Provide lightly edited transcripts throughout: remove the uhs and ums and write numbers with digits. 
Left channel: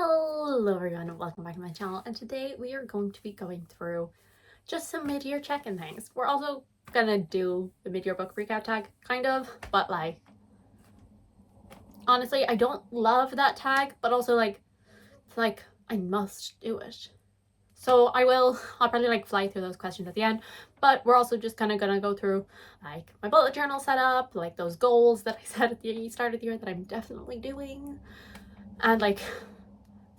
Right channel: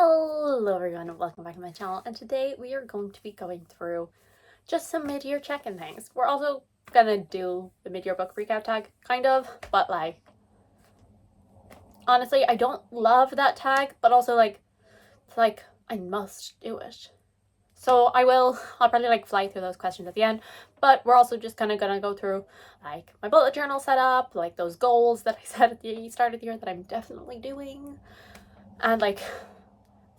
Hello everyone and welcome back to my channel, and today we are going to be going through just some mid-year check-in things. We're also gonna do the mid-year book recap tag, kind of, but like honestly I don't love that tag, but also it's like I must do it. So I'll probably fly through those questions at the end, but we're also just kind of gonna go through like my bullet journal setup, like those goals that I set at the start of the year that I'm definitely doing, and like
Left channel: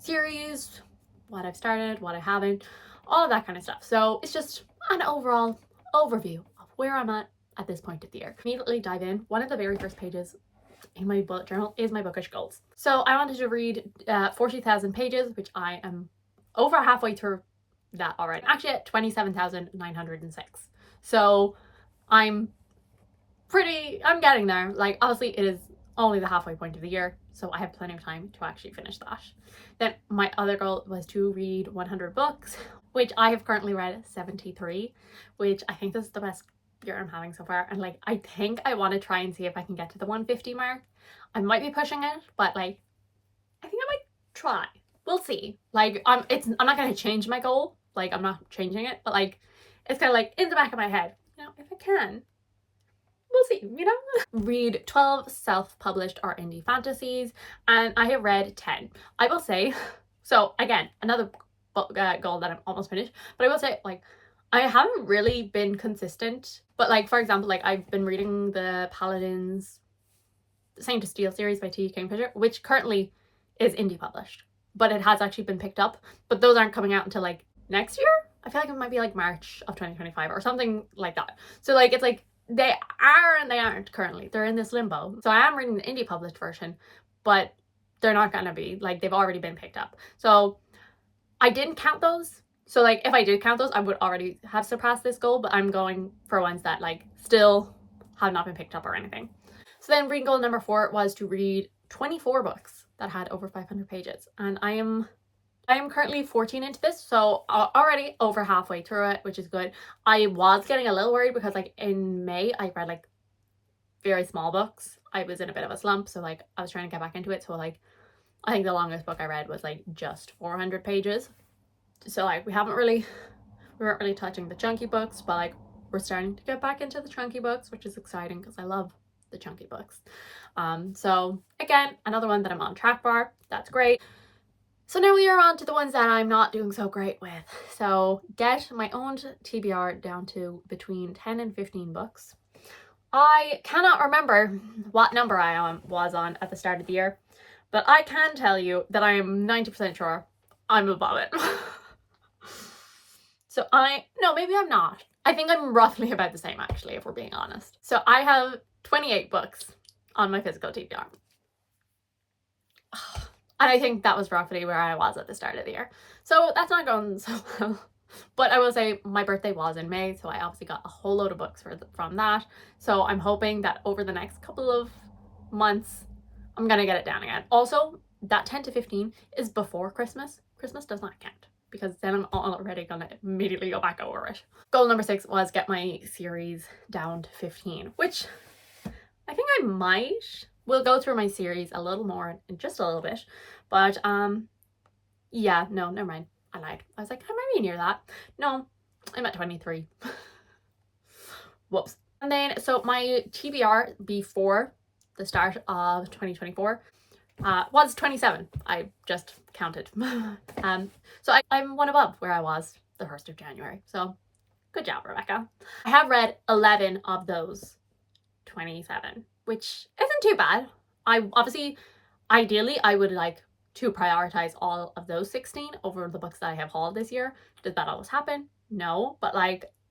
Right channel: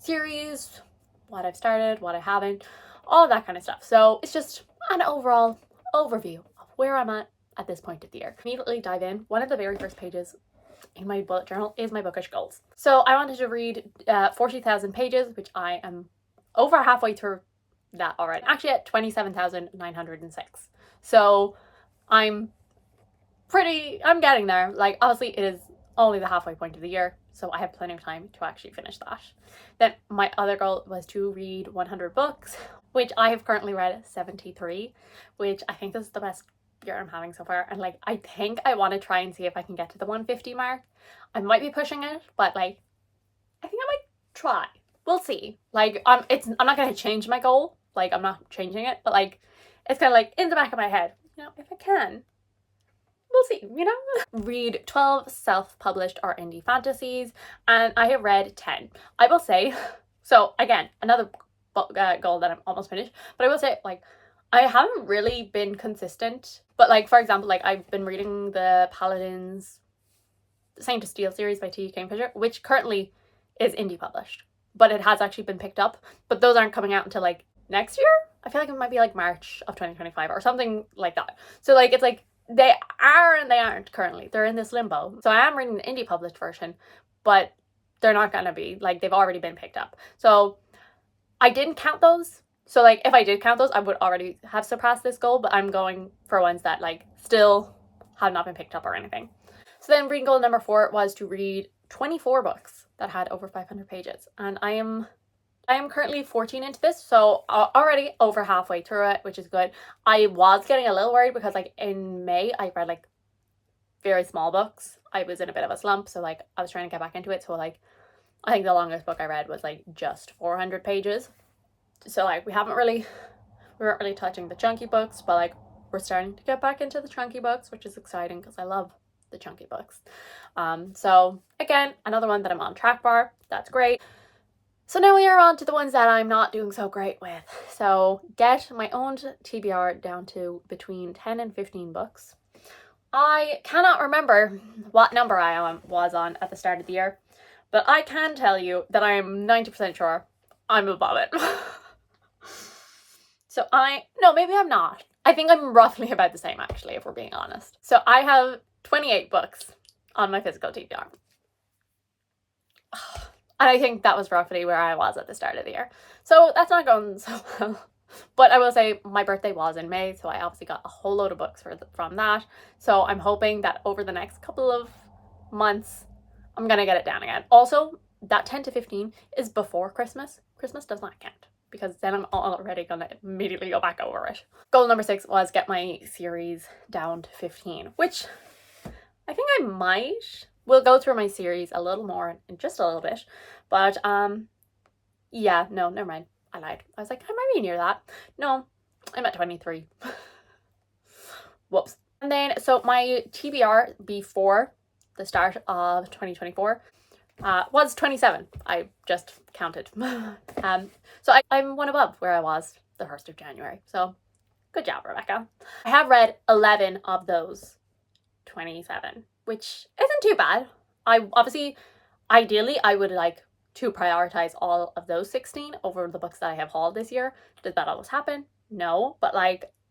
series, what I've started, what I haven't, all that kind of stuff. So it's just an overall overview of where I'm at this point of the year. Immediately dive in. One of the very first pages in my bullet journal is my bookish goals. So I wanted to read 40,000 pages, which I am over halfway through that already. Actually at 27,906. So I'm getting there. Like obviously it is only the halfway point of the year, so I have plenty of time to actually finish that. Then my other goal was to read 100 books, which I have currently read 73, which I think is the best year I'm having so far. And I think I want to try and see if I can get to the 150 mark. I might be pushing it, but I think I might try. We'll see. I'm not going to change my goal. I'm not changing it, but it's kind of in the back of my head, if I can, we'll see, Read 12 self-published or indie fantasies, and I have read 10. I will say, so again, another goal that I'm almost finished, but I will say, I haven't really been consistent, but for example, I've been reading the Paladins Saint of Steel series by T. Kingfisher, which currently is indie published, but it has actually been picked up, but those aren't coming out until next year. I feel like it might be March of 2025 or something like that. So it's they are and they aren't currently. They're in this limbo. So I am reading the indie published version, but they're not gonna be, they've already been picked up. So I didn't count those. So if I did count those, I would already have surpassed this goal, but I'm going for ones that still have not been picked up or anything. So then reading goal number 4 was to read 24 books that had over 500 pages. And I am currently 14 into this, so already over halfway through it, which is good. I was getting a little worried because in May I read very small books. I was in a bit of a slump, so I was trying to get back into it. So I think the longest book I read was just 400 pages. So we weren't really touching the chunky books, but we're starting to get back into the chunky books, which is exciting because I love the chunky books. So again, another one that I'm on track for. That's great. So now we are on to the ones that I'm not doing so great with. So get my own TBR down to between 10 and 15 books. I cannot remember what number I was on at the start of the year, but I can tell you that I'm 90% sure I'm above it. So no, maybe I'm not. I think I'm roughly about the same actually, if we're being honest. So I have 28 books on my physical TBR. And I think that was roughly where I was at the start of the year. So that's not going so well. But I will say my birthday was in May, so I obviously got a whole load of books from that. So I'm hoping that over the next couple of months, I'm going to get it down again. Also, that 10 to 15 is before Christmas. Christmas does not count because then I'm already going to immediately go back over it. Goal number 6 was get my series down to 15, which I think I might. We'll go through my series a little more in just a little bit, but yeah, no, never mind. I lied. I was I might be near that. No, I'm at 23. Whoops. And then, so my TBR before the start of 2024 was 27. I just counted. So I'm one above where I was the 1st of January. So good job, Rebecca. I have read 11 of those 27. Which isn't too bad. Ideally, I would like to prioritize all of those 16 over the books that I have hauled this year. Does that always happen? No, but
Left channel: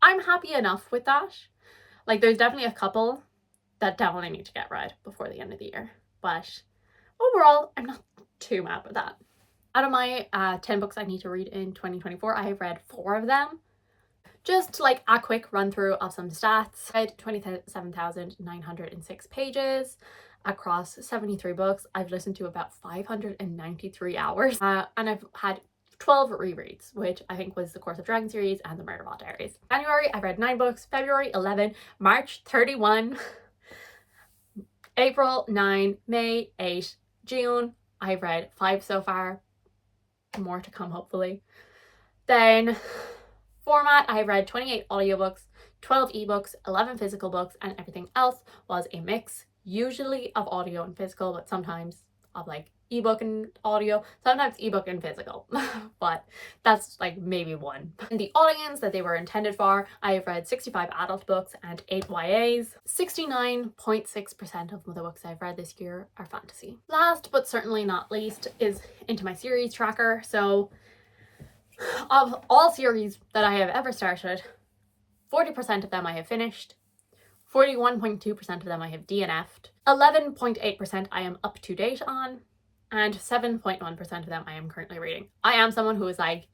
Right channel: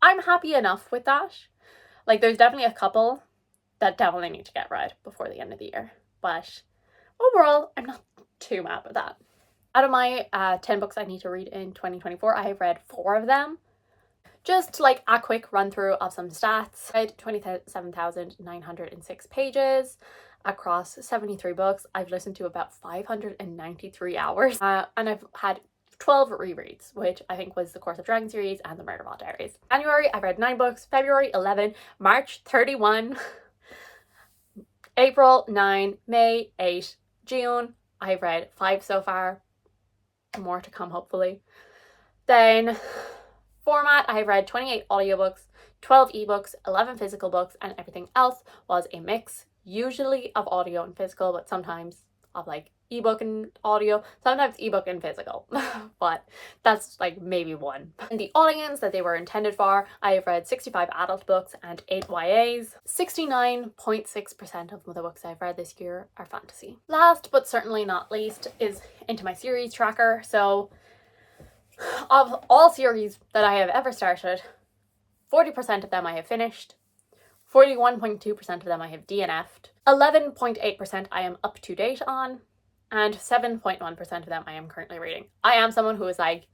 I'm happy enough with that. There's definitely a couple that definitely need to get read before the end of the year. But overall, I'm not too mad with that. Out of my 10 books I need to read in 2024, I have read 4 of them. Just a quick run through of some stats. I had 27,906 pages across 73 books. I've listened to about 593 hours and I've had 12 rereads, which I think was the Course of Dragon series and the Murderball Diaries. January, I read 9 books, February 11, March 31, April 9, May 8, June, I've read 5 so far. more to come hopefully. Then format, I have read 28 audiobooks, 12 ebooks, 11 physical books, and everything else was a mix, usually of audio and physical, but sometimes of like ebook and audio, sometimes ebook and physical, but that's like maybe one. And the audience that they were intended for, I have read 65 adult books and 8 YAs. 69.6% of the books I've read this year are fantasy. Last but certainly not least is into my series tracker. So of all series that I have ever started, 40% of them I have finished, 41.2% of them I have DNF'd, 11.8% I am up to date on, and 7.1% of them I am currently reading. I am someone who is like,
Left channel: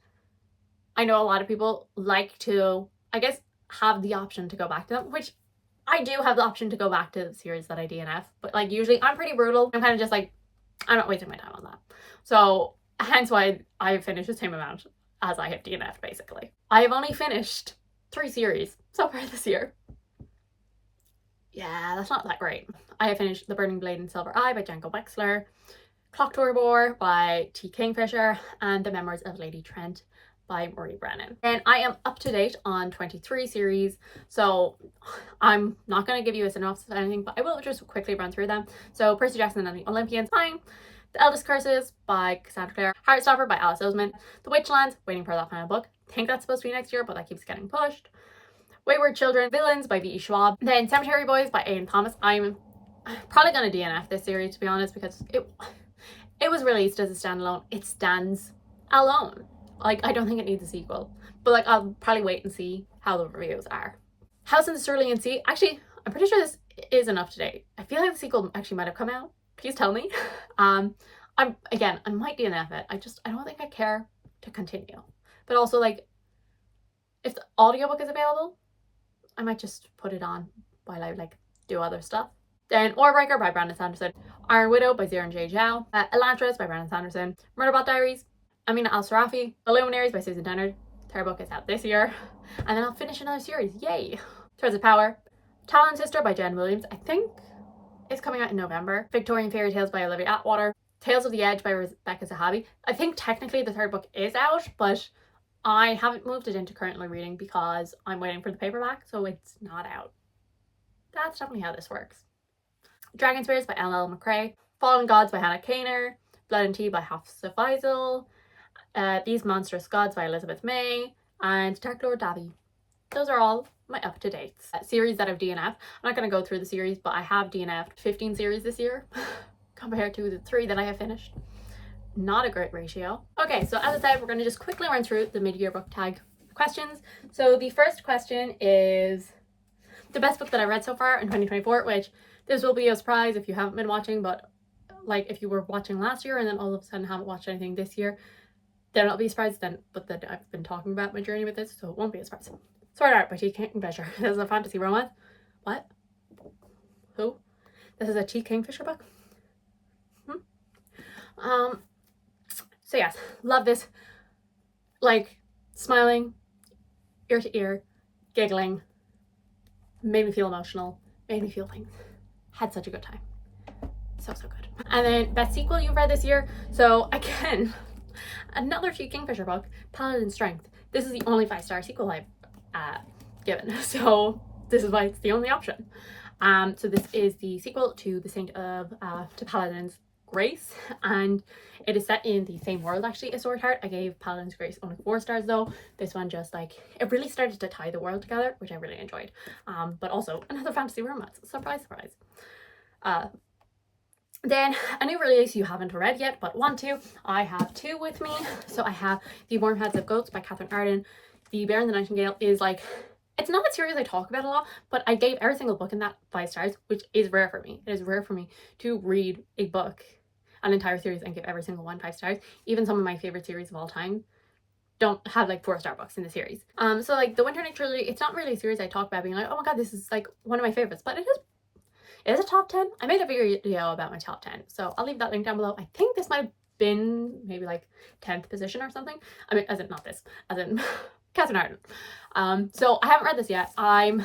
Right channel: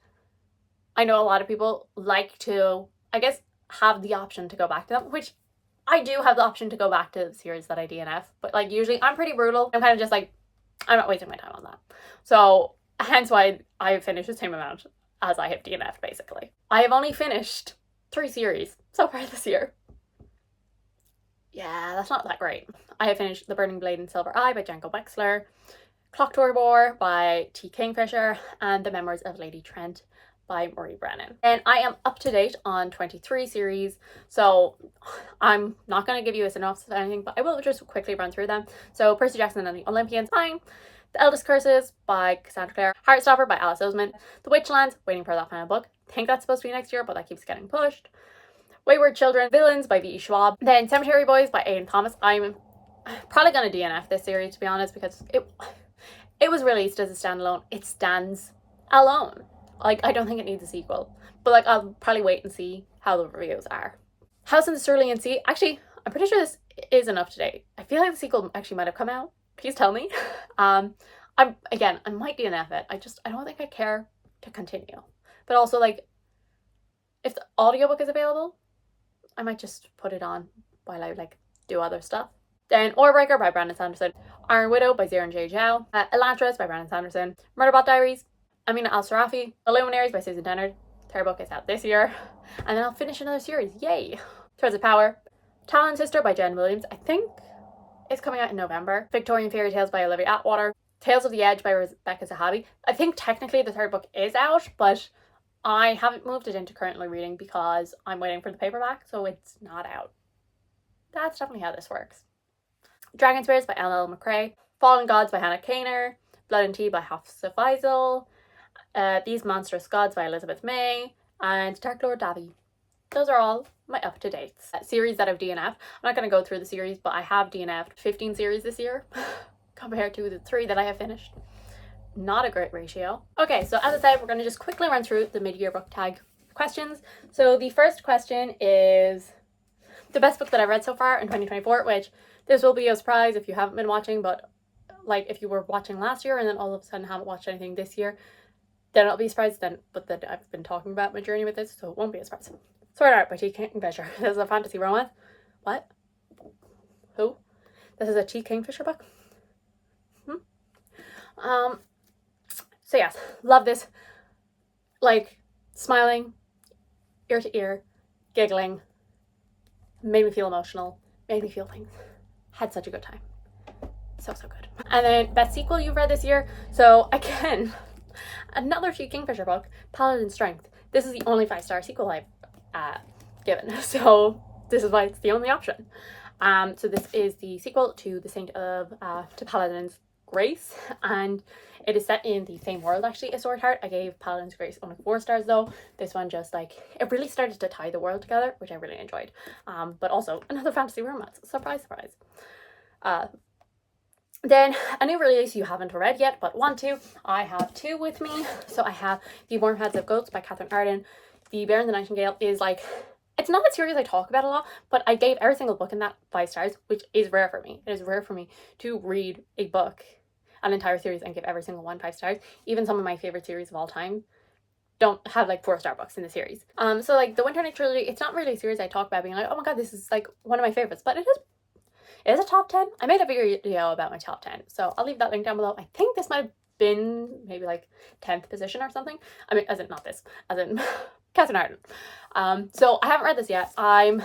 I know a lot of people like to, I guess, have the option to go back to them, which I do have the option to go back to the series that I DNF, but like usually I'm pretty brutal. I'm kind of just like, I'm not wasting my time on that. So hence why I have finished the same amount as I have DNF'd basically. I have only finished 3 series so far this year. Yeah, that's not that great. I have finished The Burning Blade and Silver Eye by Django Wexler, Clock Tower by T. Kingfisher, and The Memoirs of Lady Trent by Marie Brennan. And I am up to date on 23 series, so I'm not going to give you a synopsis of anything, but I will just quickly run through them. So Percy Jackson and the Olympians, fine. The Eldest Curses by Cassandra Clare, Heartstopper by Alice Oseman, The Witchlands, waiting for that final book. I think that's supposed to be next year, but that keeps getting pushed. Wayward Children, Villains by V.E. Schwab. Then Cemetery Boys by Ian Thomas. I'm probably going to DNF this series, to be honest, because it was released as a standalone. It stands alone. Like, I don't think it needs a sequel. But like, I'll probably wait and see how the reviews are. House in the Cerulean Sea. Actually, I'm pretty sure this isn't up to date. I feel like the sequel actually might have come out. Please tell me. I might DNF it. I don't think I care to continue. But also, like, if the audiobook is available, I might just put it on while I like do other stuff. Then Orbreaker by Brandon Sanderson, Iron Widow by Ziran J. Zhao, Elantris by Brandon Sanderson, Murderbot Diaries, Amina Al-Sarafi, The Luminaries by Susan Dennard. Third book is out this year. And then I'll finish another series. Yay! Threads of Power, Talon Sister by Jen Williams. I think it's coming out in November. Victorian Fairy Tales by Olivia Atwater, Tales of the Edge by Rebecca Zahavi. I think technically the third book is out, but I haven't moved it into currently reading because I'm waiting for the paperback, so it's not out. That's definitely how this works. Dragon Spears by L.L. McCrae, Fallen Gods by Hannah Kaner, Blood and Tea by Hafsa Faisal, These Monstrous Gods by Elizabeth May, and Dark Lord Davy. Those are all my up-to-dates. Series that I've DNF'd. I'm not going to go through the series, but I have DNF'd 15 series this year compared to the 3 that I have finished. Not a great ratio. Okay, so as I said, we're going to just quickly run through the mid-year book tag questions. So the first question is the best book that I've read so far in 2024, which this will be a surprise if you haven't been watching, but like if you were watching last year and then all of a sudden haven't watched anything this year, then it'll be a surprise then, but then I've been talking about my journey with this, so it won't be a surprise. Sword Art by T. Kingfisher. This is a fantasy romance. What? Who? This is a T. Kingfisher book? So yes, love this. Like, smiling, ear to ear, giggling, made me feel emotional, made me feel things. Had such a good time. So good. And then best sequel you've read this year. So again, another T. Kingfisher book, Paladin Strength. This is the only 5-star sequel I've given. So this is why it's the only option. So this is the sequel to The Saint of, to Paladin's Grace, and it is set in the same world actually as Sword Heart. I gave Paladin's Grace only 4 stars though. This one just like, it really started to tie the world together, which I really enjoyed. But also another fantasy romance. Surprise, surprise. Then a new release you haven't read yet but want to. I have 2 with me. So I have The Warm Heads of Goats by Catherine Arden. The Bear and the Nightingale is like, it's not a series I talk about a lot, but I gave every single book in that 5 stars, which is rare for me. It is rare for me to read a book, an entire series, and give every single one 5 stars. Even some of my favorite series of all time don't have like 4-star books in the series. So like the Winter Night Trilogy, it's not really a series I talk about being like, oh my god, this is like one of my favorites, but it is a top 10. I made a video about my top 10, so I'll leave that link down below. I think this might have been maybe like 10th position or something. I mean, as in not this, as in Catherine Arden. So I haven't read this yet. I'm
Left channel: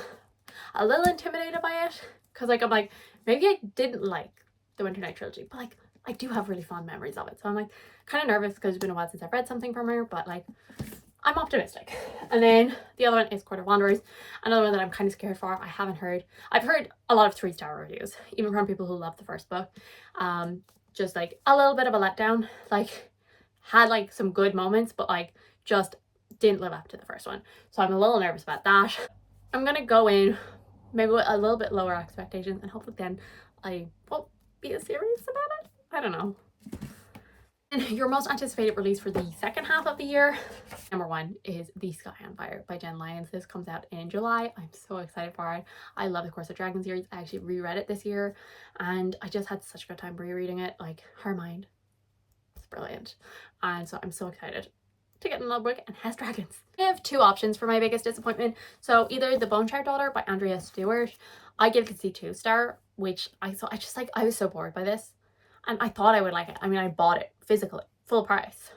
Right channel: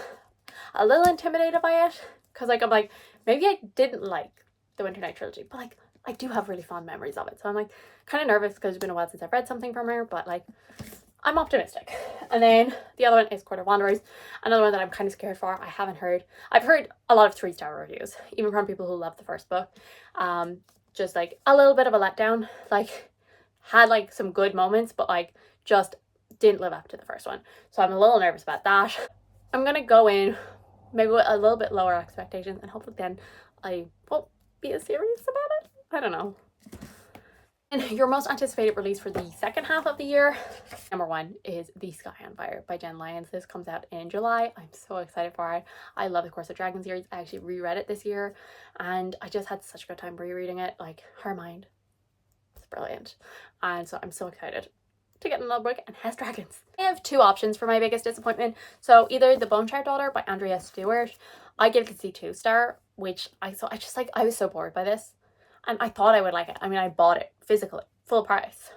a little intimidated by it because like I'm like, maybe I didn't like the Winter Night Trilogy, but like I do have really fond memories of it, so I'm like kind of nervous because it's been a while since I've read something from her, but like I'm optimistic. And then the other one is Court of Wanderers, another one that I'm kind of scared for. I've heard a lot of 3-star reviews, even from people who love the first book. Just like a little bit of a letdown, like had like some good moments, but like just didn't live up to the first one. So I'm a little nervous about that. I'm gonna go in maybe with a little bit lower expectations, and hopefully then I won't be as serious about it. I don't know. And your most anticipated release for the second half of the year, number 1 is The Sky on Fire by Jen Lyons. This comes out in July. I'm so excited for it. I love the Course of Dragon series. I actually reread it this year and I just had such a good time rereading it. Like, her mind is brilliant. And so I'm so excited to get another book and has dragons. I have 2 options for my biggest disappointment. So either The Bone Shard Daughter by Andrea Stewart. I give it a C2 star, which I was so bored by this. And I thought I would like it. I mean, I bought it physically, full price.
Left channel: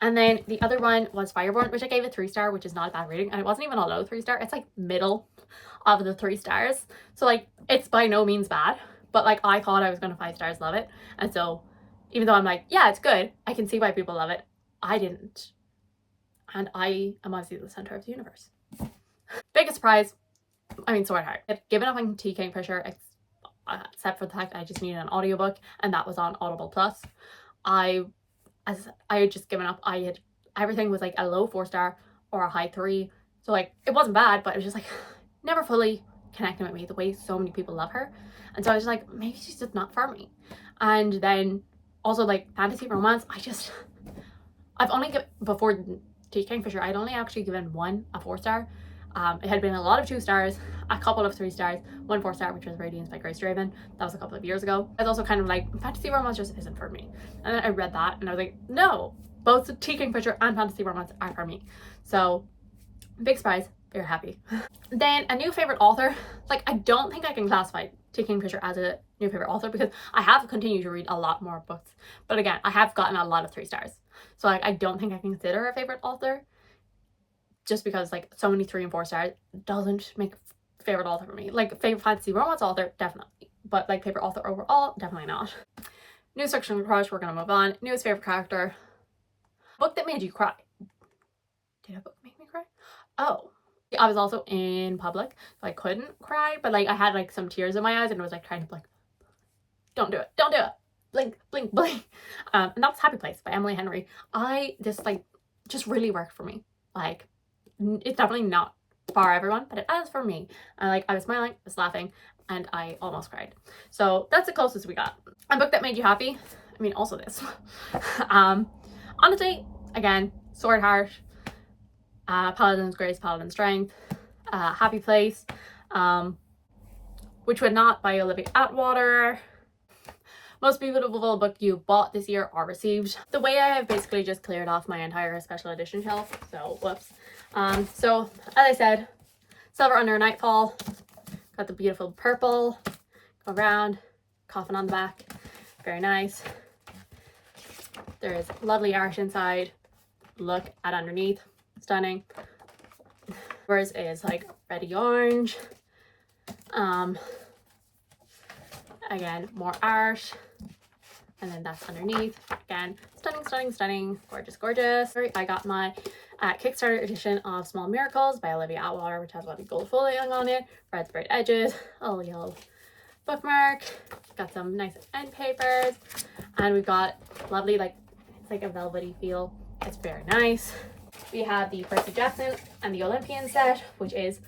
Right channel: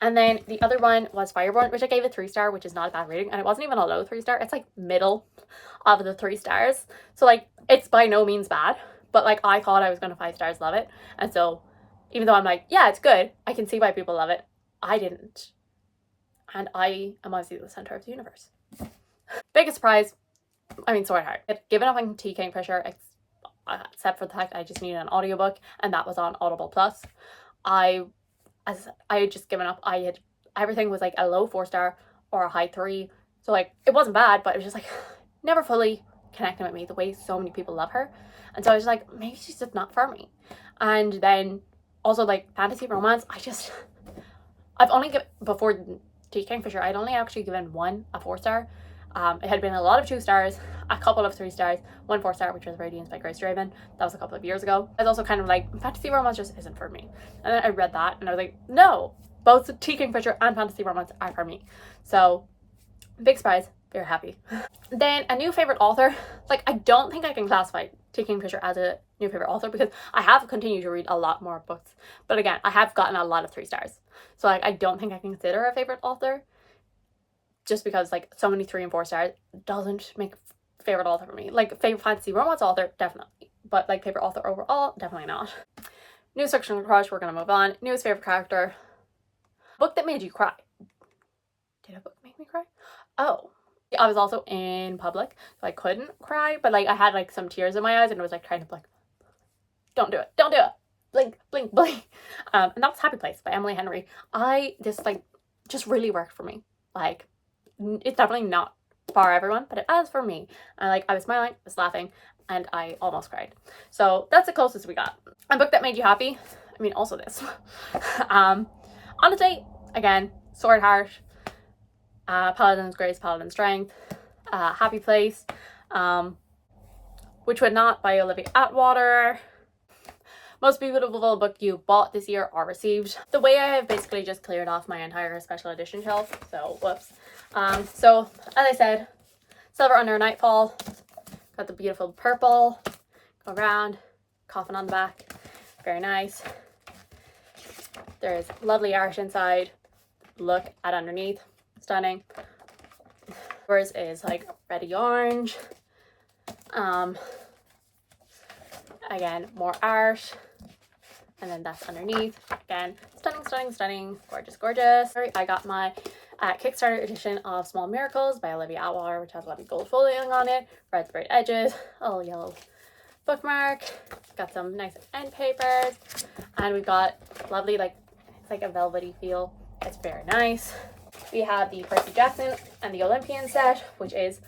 And then the other one was Fireborn, which I gave a 3-star, which is not a bad rating. And it wasn't even a low 3-star. It's like middle of the 3 stars. So like, it's by no means bad. But like, I thought I was going to 5 stars love it. And so even though I'm like, yeah, it's good, I can see why people love it, I didn't. And I am obviously the center of the universe. Biggest surprise, I mean, Sword Heart. I've given up on Tea Kingfisher, except for the fact I just needed an audiobook, and that was on Audible Plus. I had just given up. Everything was like a low 4-star or a high 3. So like, it wasn't bad, but it was just like never fully connecting with me the way so many people love her. And so I was like, maybe she's just not for me. And then also like fantasy romance, I've only given, before Tea Kingfisher, I'd only actually given one a 4-star. It had been a lot of 2 stars, a couple of 3 stars, 1 4-star, which was Radiance by Grace Draven. That was a couple of years ago. I was also kind of like, fantasy romance just isn't for me. And then I read that and I was like, no, both Tea Kingfisher and fantasy romance are for me. So big surprise, very happy. Then a new favorite author. Like, I don't think I can classify Tea Kingfisher as a new favorite author because I have continued to read a lot more books. But again, I have gotten a lot of 3 stars. So like, I don't think I can consider a favorite author, just because like so many 3 and 4 stars doesn't make favorite author for me. Like, favorite fantasy romance author, definitely, but like favorite author overall, definitely not. Newest fiction crush, we're gonna move on. Newest favorite character. Book that made you cry. Did a book make me cry? Oh, I was also in public, so I couldn't cry, but like I had like some tears in my eyes and it was like trying to like, don't do it, don't do it, blink, blink, blink. And that was Happy Place by Emily Henry. This like just really worked for me. Like, it's definitely not for everyone, but it is for me. And like, I was smiling, I was laughing, and I almost cried. So that's the closest we got. A book that made you happy. I mean, also this. Honestly, again, Sword Heart, Paladin's Grace, Paladin's Strength, Happy Place, Which Would Not by Olivia Atwater. Most beautiful book you bought this year or received. The way I have basically just cleared off my entire special edition shelf, so whoops. So as I said, Silver Under Nightfall, got the beautiful purple, go around, coffin on the back, very nice. There is lovely art inside, look at underneath, stunning. Yours is like reddy orange. Again, more art. And then that's underneath. Again, stunning, stunning, stunning. Gorgeous, gorgeous. I got my Kickstarter edition of Small Miracles by Olivia Atwater, which has a lot of gold foiling on it, red sprayed edges, a little yellow bookmark. Got some nice end papers. And we've got lovely, like, it's like a velvety feel. It's very nice. We have the Percy Jackson and the Olympian set, which is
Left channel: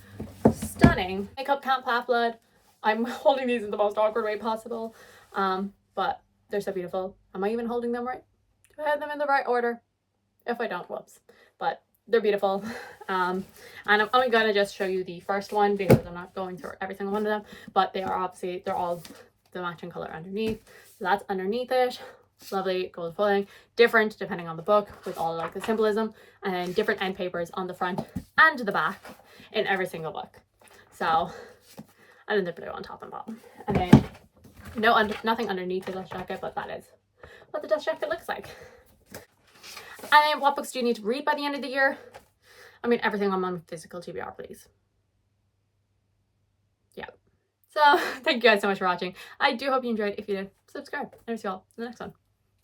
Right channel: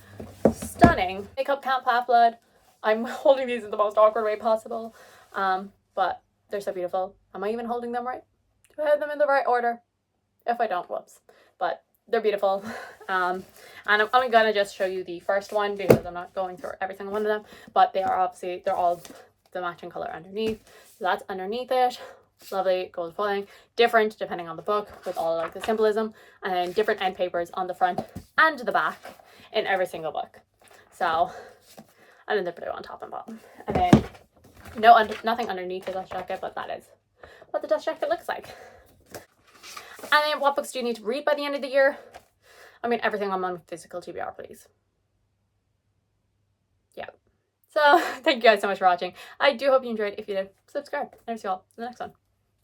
stunning. Makeup Camp Half-Blood. I'm holding these in the most awkward way possible. But they're so beautiful. Am I even holding them right? Do I have them in the right order? If I don't, whoops. But they're beautiful. And I'm only gonna just show you the first one because I'm not going through every single one of them. But they are obviously, they're all the matching color underneath. So that's underneath it. Lovely gold foiling. Different depending on the book with all like the symbolism. And then different end papers on the front and the back in every single book. So, and then the blue on top and bottom. And then nothing underneath the dust jacket, but that is what the dust jacket looks like. And then what books do you need to read by the end of the year? I mean, everything on my physical TBR, please. Yeah. So thank you guys so much for watching. I do hope you enjoyed. If you did, subscribe. And I'll see you all in the next one.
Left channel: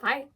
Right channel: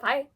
Bye.